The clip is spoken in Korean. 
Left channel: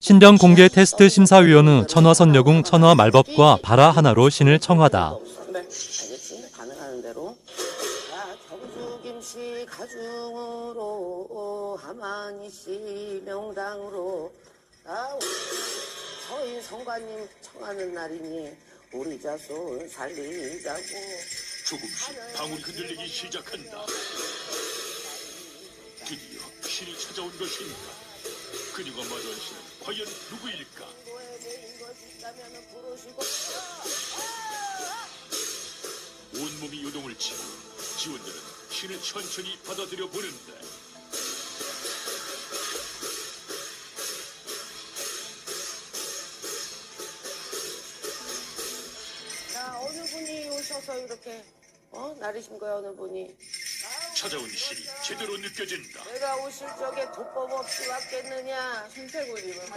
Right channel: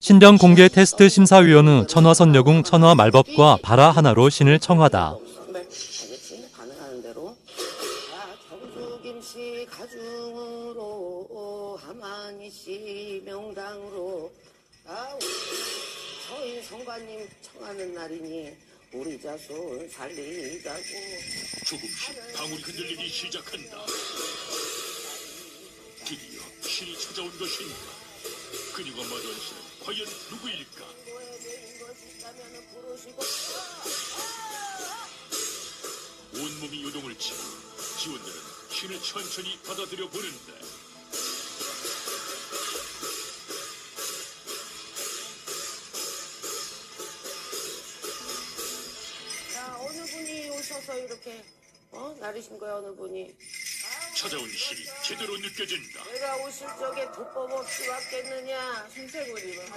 신병 공개 테스트 심사위원은 천화선녀궁 천화 말법과 바라 하나로 신을 청하다. 우리 자손 살리자고. 조금씩 방울 흔들리기 시작한다. 드디어 신이 찾아온 것인가? 그녀가 말한 신 과연 누구일까? 온몸이 요동을 치고 지원들은 신을 천천히 받아들여 보는다. 자, 어느 분이 오셔서 이렇게 어? 나르신 거야, 어느 분이. 찾아온 신이 제대로 느껴진다. 내가 오실 적에 도법 없이 왔겠느냐. 신세구리는.